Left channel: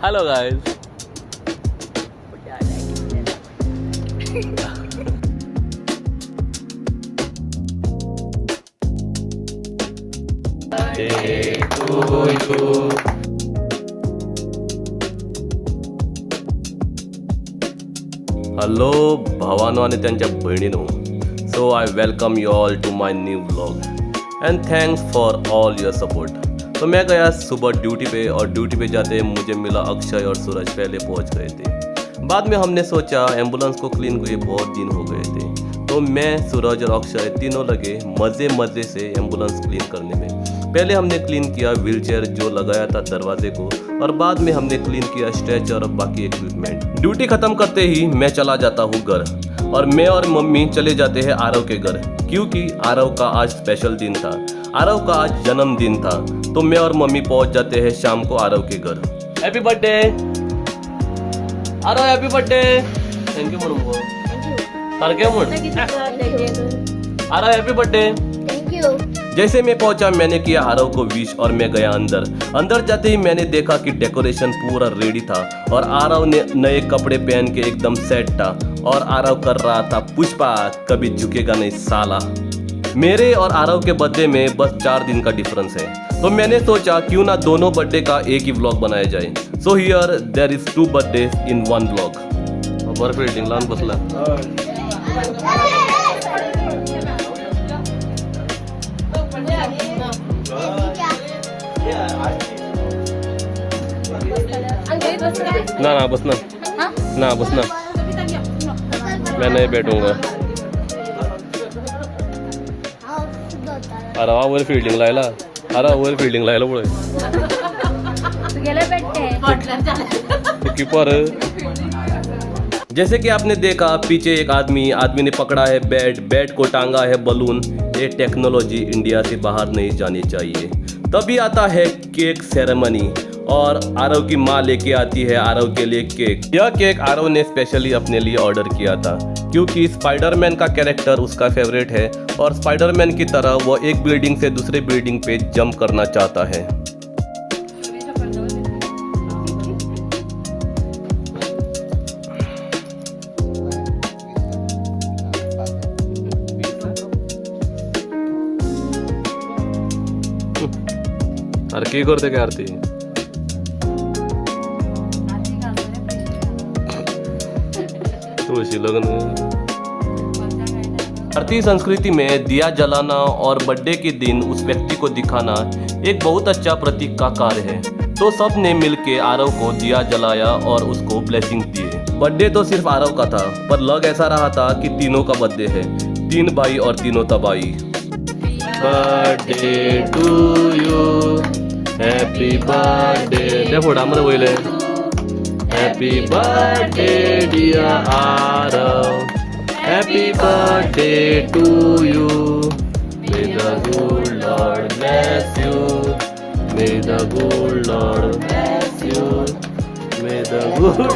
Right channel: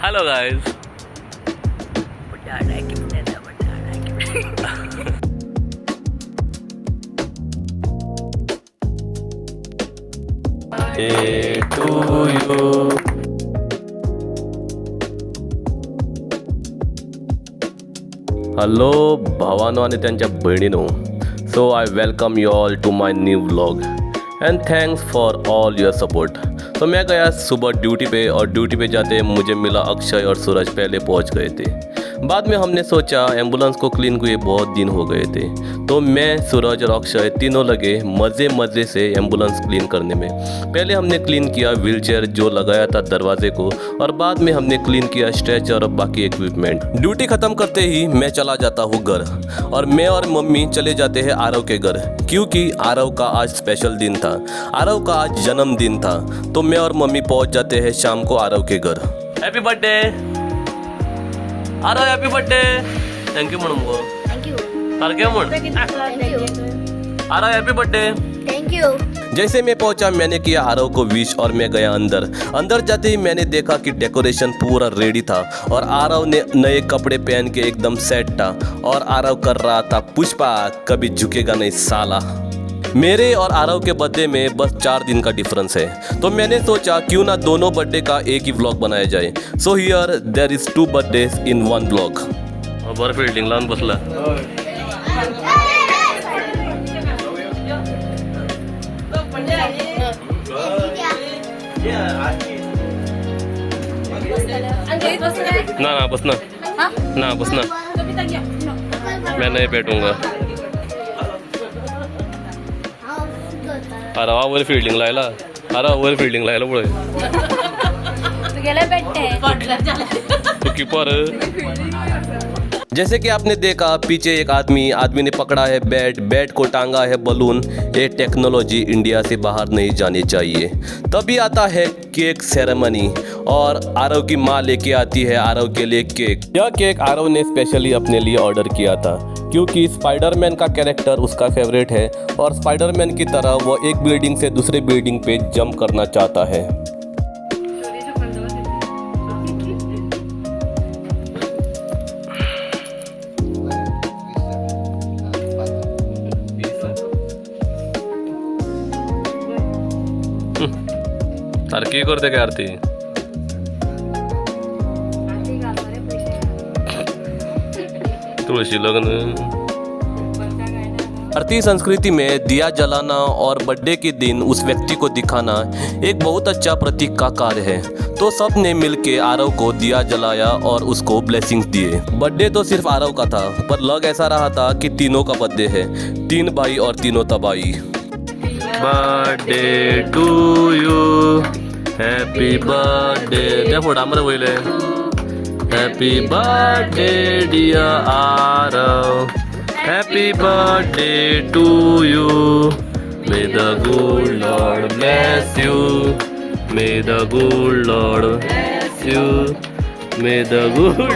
Hello guys. Day to you. Hello भावानो आणि त्यांच्या बहिणीनो, so I welcome you all to my new vlog and thanks for all your support. तो मैं गया सुबह ड्यूटी पे और ड्यूटी पे जाते मुझे मिला अक्षय और सूरज पहले पहुंच गए थे। बाद में हमने सोचा एम्बुलेंस को क्लीन हुए बहुत दिन हो गए थे, तो मैं सूरज और अक्षय तीनों लगे मज़े से एम्बुलेंस क्लीन करने में। पहले हमने क्लीन किया व्हीलचेयर जो लगाया था दरवाजे को, और बाद में हमने क्लीन किया स्ट्रेचर और बाकी इक्विपमेंट। ड्यूटी ख़त्म करते ही मैं चला जाता हूँ घर, और मैं और मम्मी चले जाते हैं आरव के घर, क्योंकि आरव का आज स्पेशल दिन था। आरव का आज जन्मदिन था, तो मैं और मम्मी पहुँच जाते हैं शाम को आरव के घर। Happy birthday Aarav, happy birthday. Thank you म्हणून थैंक यू। तार क्या म्हण Aarav happy birthday. Thank you. जैसे मैं पहुंचा मैंने किया आरव को विश और मैं गया अंदर जाते ही मैंने देखा कि डेकोरेशन पूरा रेडी था और आरव ने नए कपड़े पहन के एकदम सेट था और आरव कर रहा था पुष्पा कभी झुकेगा नहीं साला। मेरे और आरव के बर्थडे में बस 4 दिन का डिफरेंस है, तो मैंने सोचा क्यों ना दोनों बर्थडे का एक ही व्लॉग बनाया जाए। So here there is 2 birthdays in 1 vlog. बर फील्डिंग लावून बसला। ना बसना ना बसना, मैं नहीं बैठूंगा। अरे वर फील्डिंग लायला, अरे वर फील्डिंग लायला पुढे तो कीपर। जैसे कि आपने देखा पीछे एक आदमी ने पकड़ा है बैट को टांगा है बलून। ये टेक्नोलॉजी इंडिया से बाहर नहीं जानी चाहिए। तभी आता है केक सेरेमनी और आरव की माँ लेके आती है आरव के लिए केक। यह केक आरव ने स्पेशली अपने लिए ऑर्डर किया था, क्योंकि स्पाइडरमैन का कैरेक्टर उसका फेवरेट है और स्पाइडरमैन की तरह वो एक बिल्डिंग से दूसरे बिल्डिंग पे जंप करना चाहता है। अरे की करते काय आरती? तुळशी लग्न। भारतीय संस्कृति में दिया जलाना और बर्थडे के दिन उस व्यक्ति को दिखाना एक बहुत अच्छा प्रतीक का कार्य है। तो सब ने मिलके आरव को दिया जलाया और उसको ब्लेसिंग्स दिए। बर्थडे तो सिर्फ आरव का था, पर लग ऐसा रहा था कि तीनों का बर्थडे है, 3 भाई और तीनों तबाही। Birthday to you, happy birthday. क्या फोड़ा हमारे बोले happy birthday dear Aarav, happy birthday to you, may the good Lord bless you, may the good Lord bless you, may the good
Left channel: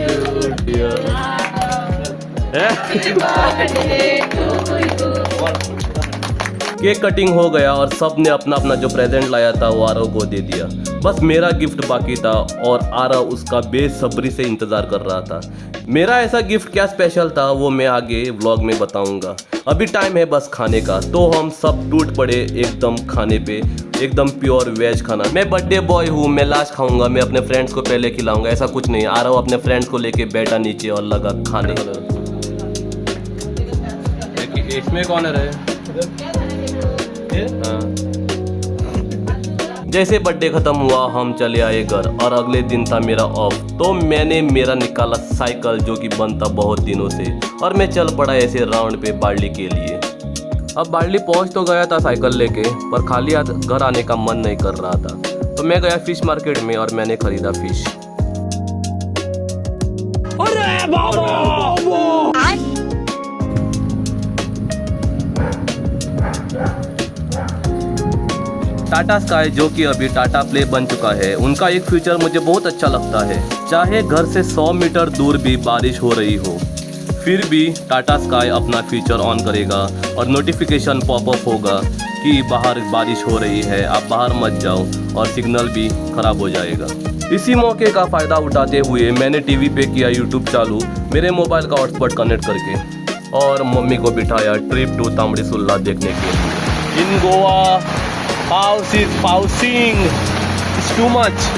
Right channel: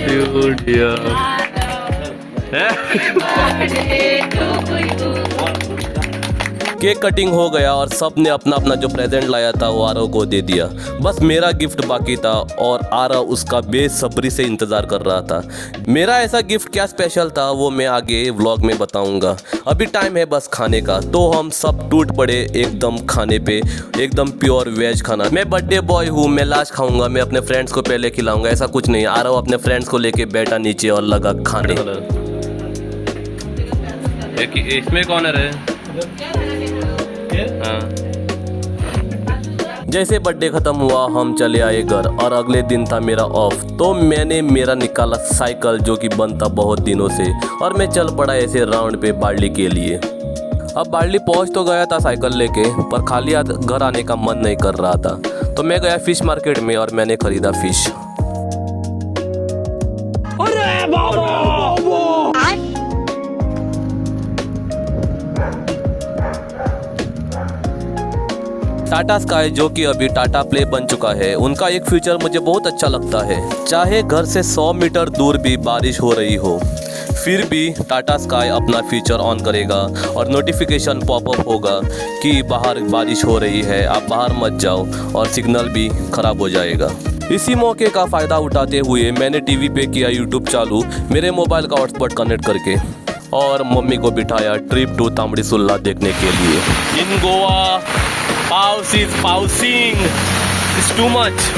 you dear, happy birthday to you. Cake cutting हो गया और सब ने अपना अपना जो प्रेजेंट लाया था वो आरव को दे दिया। बस मेरा गिफ्ट बाकी था और आरव उसका बेसब्री से इंतज़ार कर रहा था। मेरा ऐसा गिफ्ट क्या स्पेशल था वो मैं आगे व्लॉग में बताऊंगा। अभी टाइम है बस खाने का, तो हम सब टूट पड़े एकदम खाने पे, एकदम प्योर वेज खाना। मैं बर्थडे बॉय हूँ, मैं लास्ट खाऊंगा, मैं अपने फ्रेंड्स को पहले खिलाऊंगा, ऐसा कुछ नहीं। आरव अपने फ्रेंड्स को लेके बैठा नीचे और लगा खाने। इसमें कौन है? हाँ। जैसे बर्थडे खत्म हुआ हम चले आए घर, और अगले दिन था मेरा ऑफ, तो मैंने मेरा निकाला साइकिल जो कि बंद था बहुत दिनों से, और मैं चल पड़ा ऐसे राउंड पे बार्ली के लिए। अब बार्ली पहुंच तो गया था साइकिल लेके, पर खाली हाथ घर आने का मन नहीं कर रहा था, तो मैं गया फिश मार्केट में और मैंने खरीदा फिश। अरे बाबा! टाटा स्काई जो कि अभी टाटा प्ले बन चुका है, उनका एक फीचर मुझे बहुत अच्छा लगता है। चाहे घर से 100 मीटर दूर भी बारिश हो रही हो, फिर भी टाटा स्काई अपना फीचर ऑन करेगा और नोटिफिकेशन पॉपअप होगा कि बाहर बारिश हो रही है, आप बाहर मत जाओ, और सिग्नल भी खराब हो जाएगा। इसी मौके का फ़ायदा उठाते हुए मैंने टीवी पे किया यूट्यूब चालू मेरे मोबाइल का हॉटस्पॉट कनेक्ट करके और मम्मी को बिठाया ट्रिप टू तांबड़ी सुल्ला देखने के लिए। In Goa house is pausing is too much.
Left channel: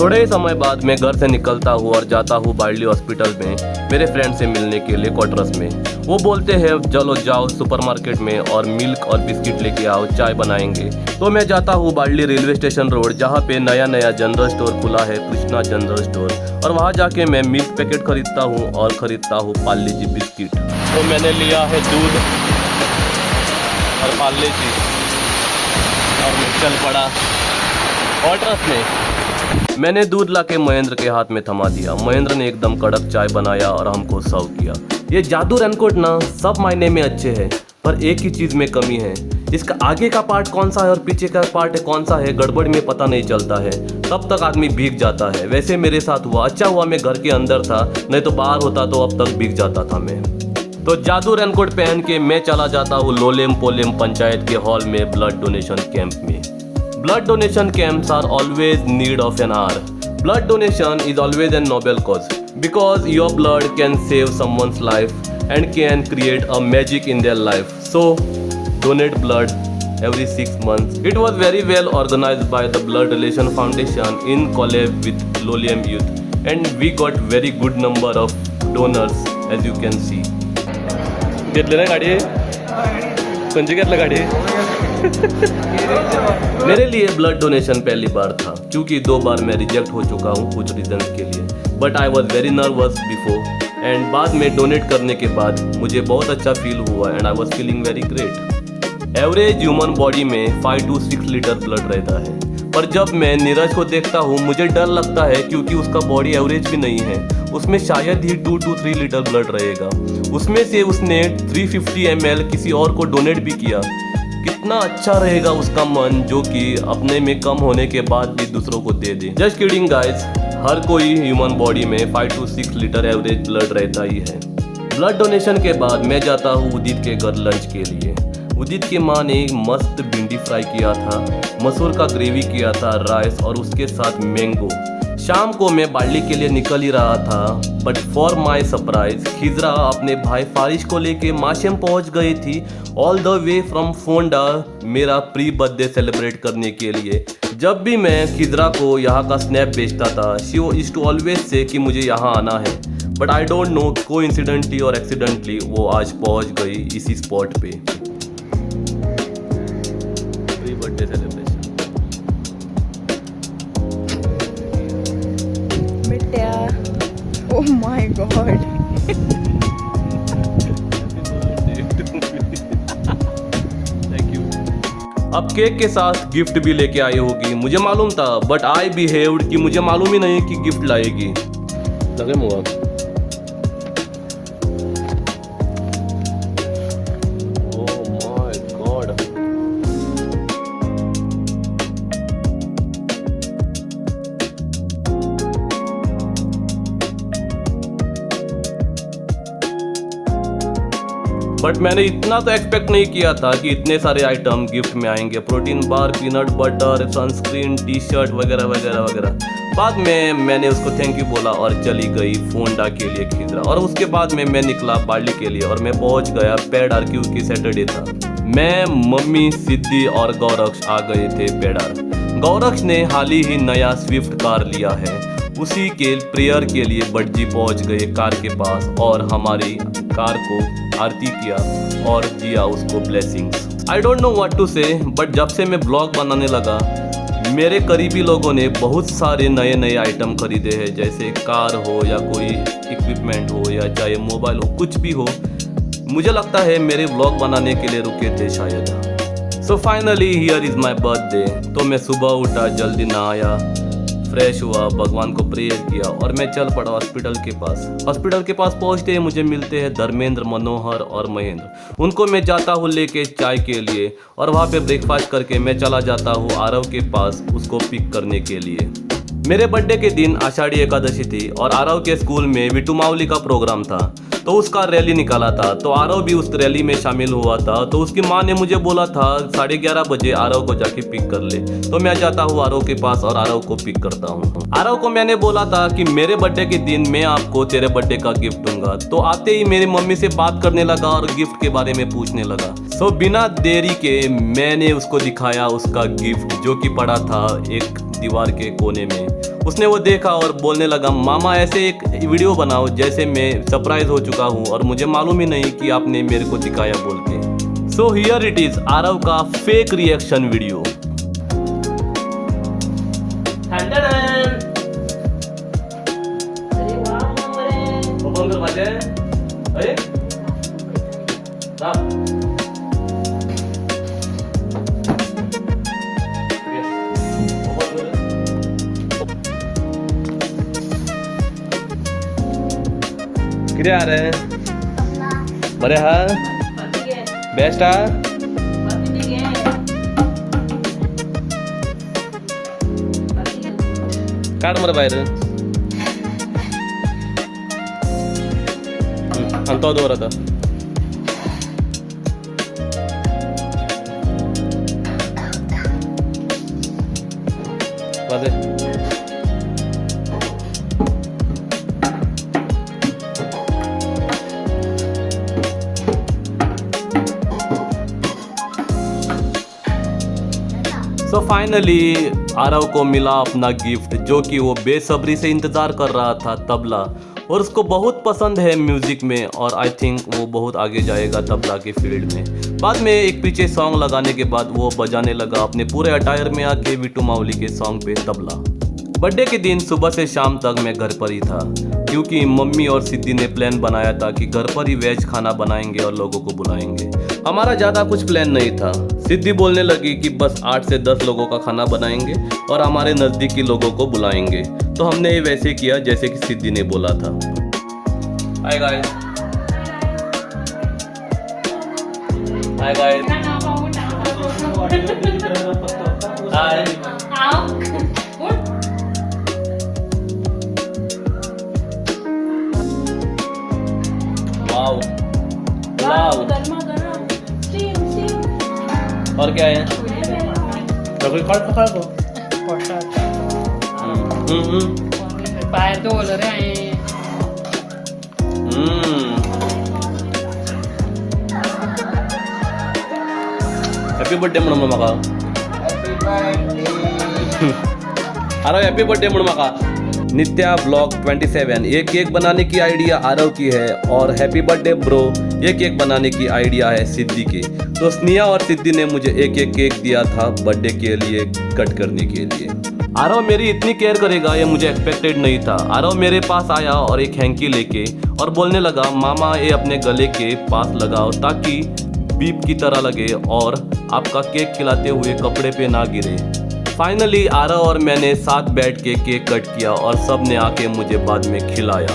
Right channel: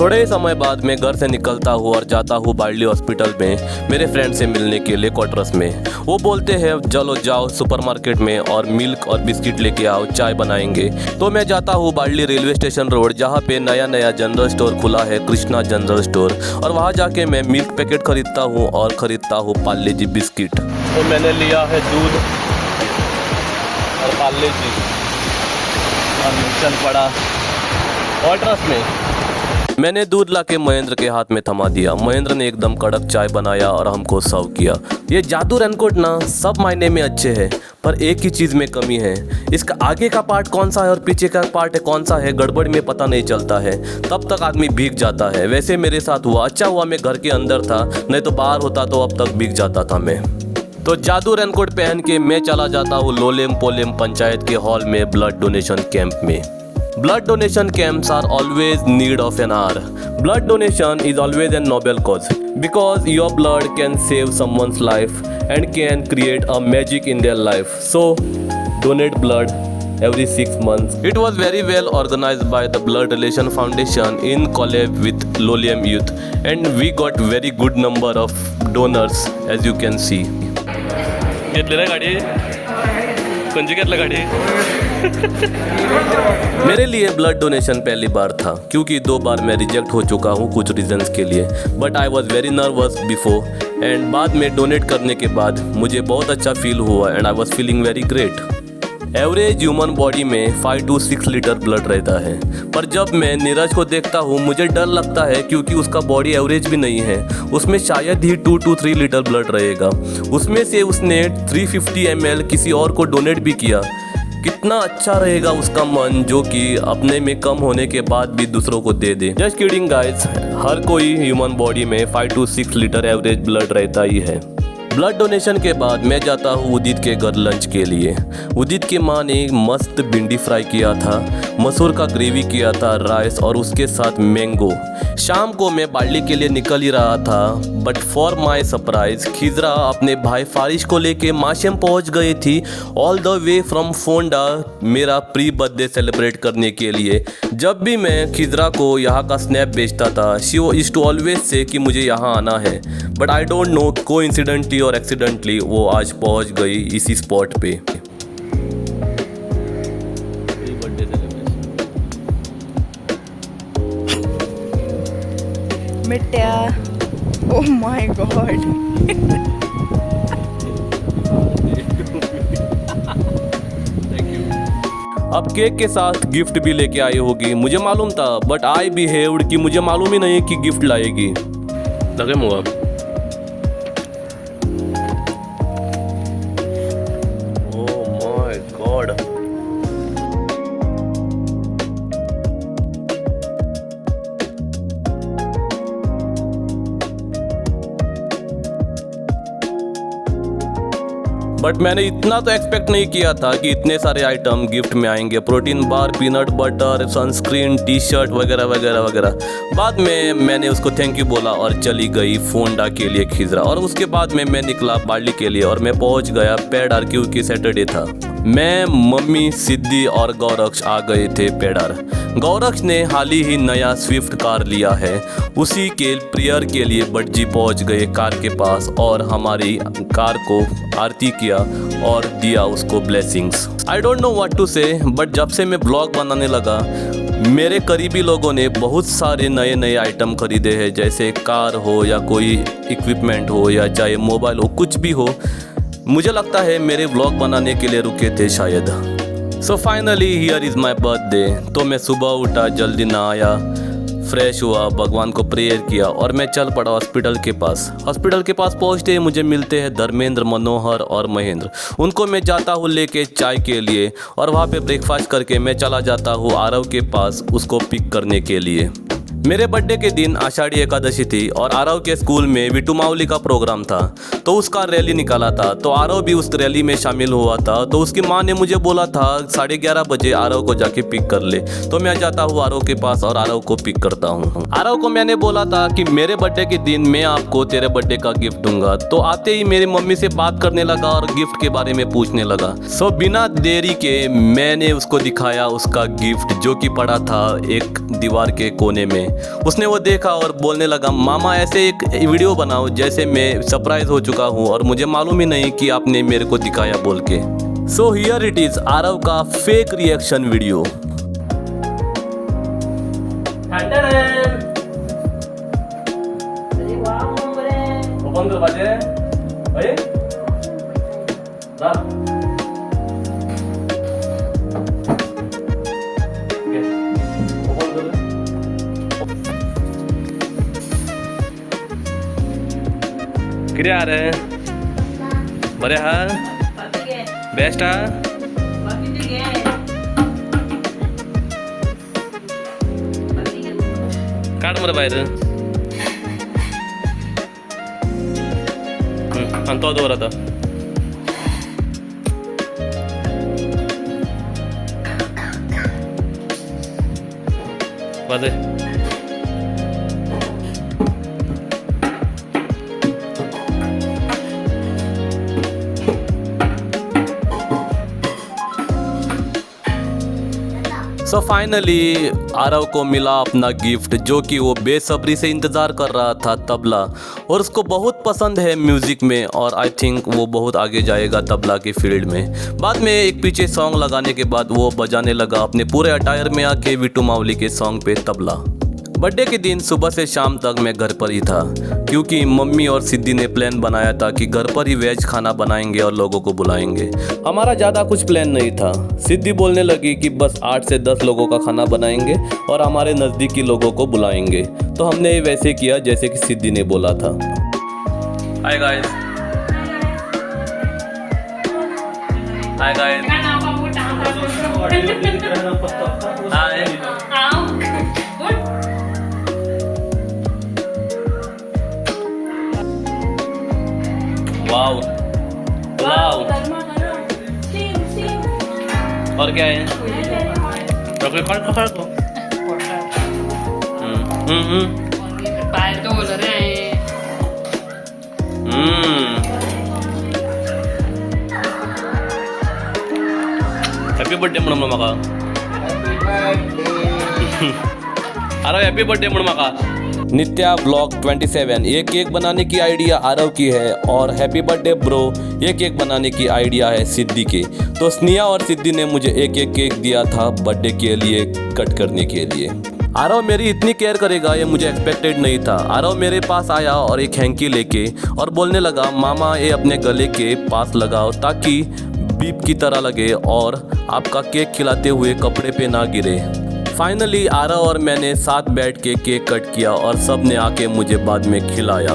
थोड़े ही समय बाद मैं घर से निकलता हूँ और जाता हूँ बार्ली हॉस्पिटल में मेरे फ्रेंड से मिलने के लिए क्वार्टर्स में। वो बोलते हैं चलो जाओ सुपरमार्केट में और मिल्क और बिस्किट लेके आओ, चाय बनाएंगे। तो मैं जाता हूँ बार्ली रेलवे स्टेशन रोड जहाँ पे नया जनरल स्टोर खुला है, कृष्णा जनरल स्टोर, और वहाँ जाके मैं मिल्क पैकेट खरीदता हूँ और ख़रीदता हूँ पार्ले जी बिस्किट। तो मैंने लिया है दूध और पार्ले जी और मैं चल पड़ा क्वार्टर्स में। मैंने दूध लाके महेंद्र के हाथ में थमा दिया। महेंद्र ने एकदम कड़क चाय बनाया और हमको सर्व किया। ये जादू रेनकोट ना सब मायने में अच्छे हैं, पर एक ही चीज़ में कमी है। इसका आगे का पार्ट कौन सा है और पीछे का पार्ट कौन सा है गड़बड़ में पता नहीं चलता है, तब तक आदमी भीग जाता है। वैसे मेरे साथ हुआ। अच्छा हुआ मैं घर के अंदर था, नहीं तो बाहर होता तो अब तक भीग जाता था मैं। तो जादू रेनकोट पहन के मैं चला जाता हूँ लोलेम पोलेम पंचायत के हॉल में ब्लड डोनेशन कैंप में। Blood donation camps are always need of an hour. Blood donation is always a noble cause because your blood can save someone's life and can create a magic in their life. So donate blood every 6 months. It was very well organized by the Blood Relation Foundation in collab with Lolium Youth, and we got very good number of donors as you can see. घेतली ना गाडी? कोणची घेतला गाडी? मेरे लिए blood donation पहली बार था क्योंकि 2 बार मैं रिजेक्ट हो चुका हूँ कुछ रीजंस के लिए, but I was very nervous before and बाद में डोनेट करने के बाद मुझे बहुत अच्छा फील हुआ and I was feeling very great. Average human body में 5 to 6 लीटर ब्लड रहता है, पर जब मैं नीरज को देखता हूँ मुझे डर लगता है क्योंकि उसका बॉडी एवरेज भी नहीं है। उसमें शायद ही 2 to 3 लीटर ब्लड रहेगा। उसमें से उसने 350 ml किसी और को डोनेट भी किया। कितना अच्छा रहेगा उसका मन जो कि अपने में कम होने के बाद भी दूसरों को दे दे। जस्ट किडिंग गाइस, हर कोई ह्यूमन बॉडी में 5 to 6 लीटर एवरेज ब्लड रहता ही है। ब्लड डोनेशन के बाद मैं जाता हूँ उदित के घर लंच के लिए। उदित की माँ ने एक मस्त भिंडी फ्राई किया था, मसूर का ग्रेवी किया था, राइस और उसके साथ मैंगो। शाम को मैं बार्ली के लिए निकल ही रहा था, बट फॉर माई सरप्राइज खिजरा अपने भाई फारिश को लेके माशेम पहुंच गई थी all the way from Ponda मेरा प्री बर्थडे सेलिब्रेट करने के लिए। जब भी मैं खिजरा को यहाँ का स्नैप भेजता था she used to always say कि मुझे यहाँ आना है, but I don't know coincidentally और एक्सीडेंटली वो आज पहुँच गई इसी स्पॉट पे। प्री बर्थडे सेलिब्रेशन मिट्या, ओह माय गॉड। अब केक के साथ गिफ्ट भी लेके आई होगी, मुझे मालूम था, बट आई बिहेव्ड कि मुझे मालूम ही नहीं कि गिफ्ट लाएगी। लगे मुआ ओह माय गॉड। बट मैंने इतना तो एक्सपेक्ट नहीं किया था कि इतने सारे आइटम गिफ्ट में आएंगे। Protein bar, peanut butter, sunscreen, T shirt वगैरह वगैरह वगैरह। बाद में मैंने उसको थैंक यू बोला और चली गई फोंडा के लिए खिजरा, और उसके बाद में मैं निकला बार्ली के लिए और मैं पहुंच गया पेडार क्योंकि सैटरडे था। मैं, मम्मी, सिद्धि और गौरक्ष आ गए थे पेडार। गौरक्ष ने हाल ही नया स्विफ्ट कार लिया है, उसी के प्रेयर के लिए बटजी पहुंच गए कार के पास और हमारी कार को आरती किया और दिया उसको blessings. I don't know what to say, but जब से मैं ब्लॉग बनाने लगा मेरे करीबी लोगों ने बहुत सारे नए नए आइटम खरीदे हैं, जैसे कार हो या कोई इक्विपमेंट हो या चाहे मोबाइल हो, कुछ भी हो। मुझे लगता है मेरे व्लॉग बनाने के लिए रुके थे शायद। So finally here is my birthday. तो मैं सुबह उठा, जल्दी नहाया, फ्रेश हुआ, भगवान को प्रेयर किया और मैं चल पड़ा हॉस्पिटल के पास। हॉस्पिटल के पास पहुंचते ही मुझे मिलते हैं धर्मेंद्र, मनोहर और महेंद्र। उनको मैं जाता हूँ लेके चाय के लिए और वहाँ पे ब्रेकफास्ट करके मैं चला जाता हूँ आरव के पास उसको पिक करने के लिए। मेरे बर्थडे के दिन आषाढ़ी एकादशी थी और आरव के स्कूल में विटू मावली का प्रोग्राम था, तो उसका रैली निकाला था। तो आरव भी उस रैली में शामिल हुआ था। तो उसकी माँ ने मुझे बोला था 11:30 बजे आरव को जाके पिक कर ले। तो मैं जाता हूँ आरव के पास और आरव को पिक करता हूँ। आरव को मैंने बोला था कि मेरे बर्थडे के दिन मैं आपको तेरे बर्थडे का गिफ्ट दूंगा। तो आते ही मेरी मम्मी से बात करने लगा और गिफ्ट के बारे में पूछने लगा। सो बिना देरी के मैंने उसको दिखाया उसका गिफ्ट, जो कि पड़ा था एक दीवार के कोने में। उसने वो देखा और बोलने लगा, मामा ऐसे एक वीडियो बनाओ जैसे मैं सरप्राइज हो चुका हूँ और मुझे मालूम ही नहीं कि आपने मेरे को दिखाया बोल के। So here it is Aarav का फेक रिएक्शन वीडियो। ओपन कर पाते हैं? अरे किती आ रहे बरे हा बेस्ट हा काढ मरे बाहेर आणतो दोर आता वाजे सो फाइनली आरव को मिला अपना गिफ्ट, जो कि वो बेसब्री से इंतज़ार कर रहा था, तबला। और उसको बहुत पसंद है म्यूज़िक में और आई थिंक वो बहुत आगे जाएगा तबला के फील्ड में। बाद में एक पीछे सॉन्ग लगाने के बाद वो बजाने लगा अपने पूरे अटायर में आके विटू मावली के सॉन्ग पे तबला। बर्थडे के दिन सुबह से शाम तक मैं घर पर ही था, क्योंकि मम्मी और सिद्धि ने प्लान बनाया था कि घर पर ही वेज खाना बनाएंगे और लोगों को बुलाएंगे। हमारा ज़्यादा कुछ प्लान नहीं था। सिद्धि बोलने लगी कि बस 8 से 10 लोगों का खाना बनाएंगे और हमारे नज़दीकी लोगों को बुलाएंगे। तो हमने ये वैसे किया जैसे कि सिद्धि ने बोला था। हाय गाइस, हाय गाइस, हाय। वाओ, पुलाव और क्या है? हैप्पी बर्थडे म्हणून म्हाका अरे हैप्पी बर्थडे म्हणून म्हाका। नित्या ब्लॉग 27, ये केक बनाने की आइडिया आरव की है और हैप्पी बर्थडे ब्रो ये केक बनाने की आइडिया है सिद्धि की। तो स्नेहा और सिद्धि ने मुझे एक केक दिया था बर्थडे के लिए कट करने के लिए। आरव मेरी इतनी केयर करेगा ये मुझे एक्सपेक्टेड नहीं था। आरव मेरे पास आया और एक हैंकी लेके और बोलने लगा, मामा ये अपने गले के पास लगाओ ताकि बीप की तरह लगे और आपका केक खिलाते हुए कपड़े पे ना गिरे। फाइनली आरव और मैंने साथ बैठ के केक कट किया और सब ने आके मुझे बाद में खिलाया।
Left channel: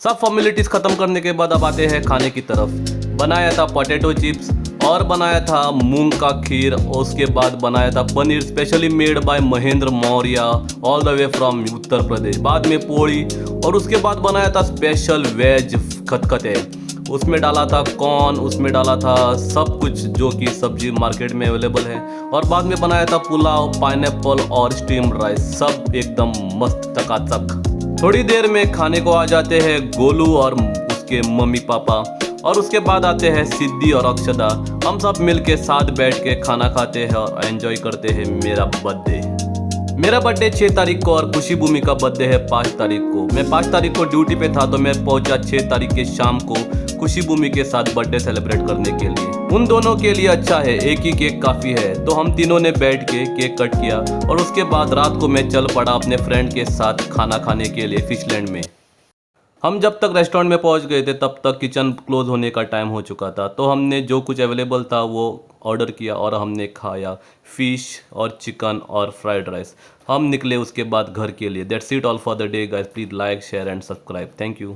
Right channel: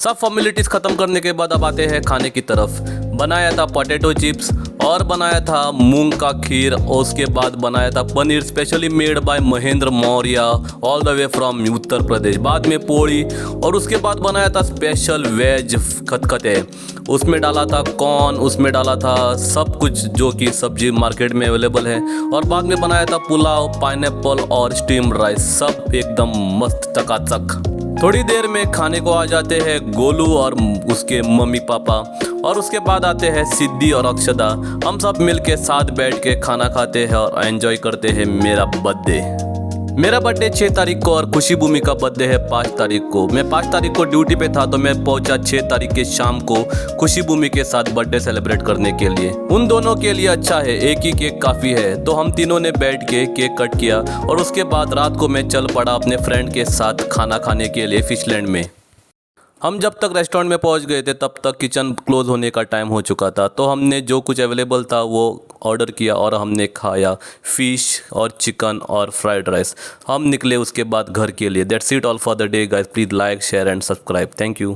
सब फॉर्मेलिटीज खत्म करने के बाद अब आते हैं खाने की तरफ। बनाया था पोटैटो चिप्स और बनाया था मूंग का खीर और उसके बाद बनाया था paneer specially made by Mahendra Maurya all the way from Uttar Pradesh. बाद में पोड़ी और उसके बाद बनाया था स्पेशल वेज खतखते। उसमें डाला था कॉर्न, उसमें डाला था सब कुछ जो कि सब्जी मार्केट में अवेलेबल है। और बाद में बनाया था पुलाव, पाइनएप्पल और स्टीम राइस, सब एकदम मस्त चकाचक। थोड़ी देर में खाने को आ जाते हैं गोलू और उसके मम्मी पापा और उसके बाद आते हैं सिद्धि और अक्षदा। हम सब मिलके साथ बैठ के खाना खाते हैं और एंजॉय करते हैं मेरा बर्थडे। मेरा बर्थडे 6 तारीख को और खुशी भूमि का बर्थडे है 5 तारीख को। मैं 5 तारीख को ड्यूटी पे था तो मैं पहुंचा 6 तारीख के शाम को खुशी भूमि के साथ बर्थडे सेलिब्रेट करने के लिए। उन दोनों के लिए अच्छा है, एक ही केक काफ़ी है। तो हम तीनों ने बैठ के केक कट किया और उसके बाद रात को मैं चल पड़ा अपने फ्रेंड के साथ खाना खाने के लिए फिशलैंड में। हम जब तक रेस्टोरेंट में पहुंच गए थे तब तक किचन क्लोज होने का टाइम हो चुका था, तो हमने जो कुछ अवेलेबल था वो ऑर्डर किया और हमने खाया फ़िश और चिकन और फ्राइड राइस। हम निकले उसके बाद घर के लिए। That's it all for the day guys. Please like share and subscribe. Thank you.